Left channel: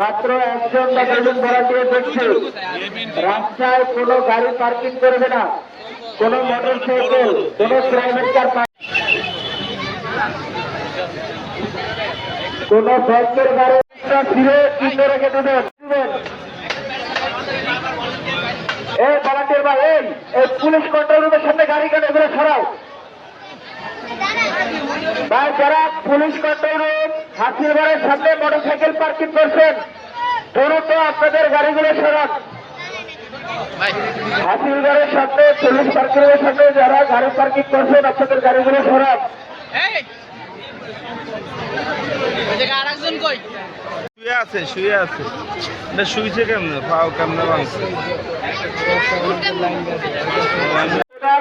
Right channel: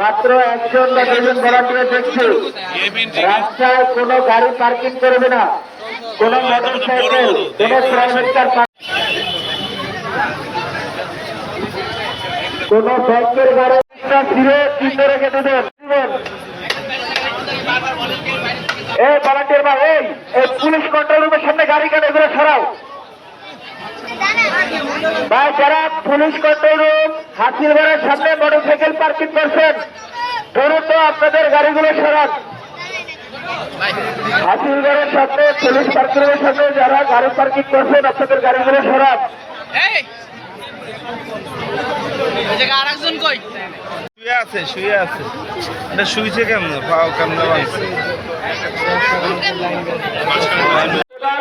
মাত্র একজন ভাড়াটিয়া দেখছে রাস্তায় কোনো গাড়ি পার্কিং করবে না, কোনো মোটরসাইকেল, কোনো প্রাইভেট কার, কোনো সরকার গাড়ি ফিরে কিনে রেখে দেবেন। এই ভাড়াটিয়ার বা এই পুলিশ কন্ট্রোল রুমের সামনে গাড়ি কেন এগুলো সরাও ভাই। যারা পুলিশ কন্ট্রোল রুম হাসিরবাড়ের সামনে মোটরসাইকেল পার্কিং করছেন দ্রুত আপনাদের গাড়িগুলো সরান। হাসিরবাড়ের সামনে পুলিশ পার্কিংয়ের সামনে যারা গাড়ি পার্কিং করছেন আপনাদের গাড়িগুলো সরান। আরেকজন কই শুয়ে আছে এটা শুইছে কেমন পাও কেমন ভাঙছে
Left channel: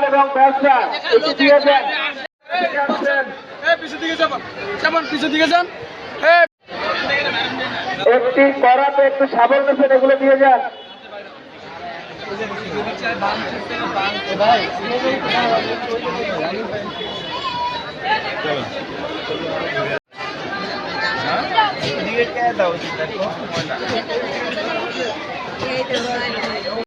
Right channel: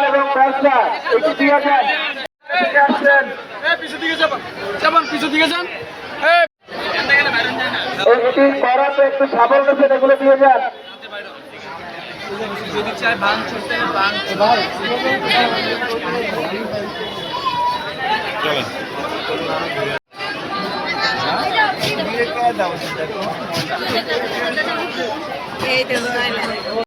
এবং ব্যবসা এটি দিয়ে যান। একটি করাতে একটু সাবল গেছে এগুলো দিয়ে যান। যদি চাই ভাঙ ছুটতে ভাঙ চলেন এই তো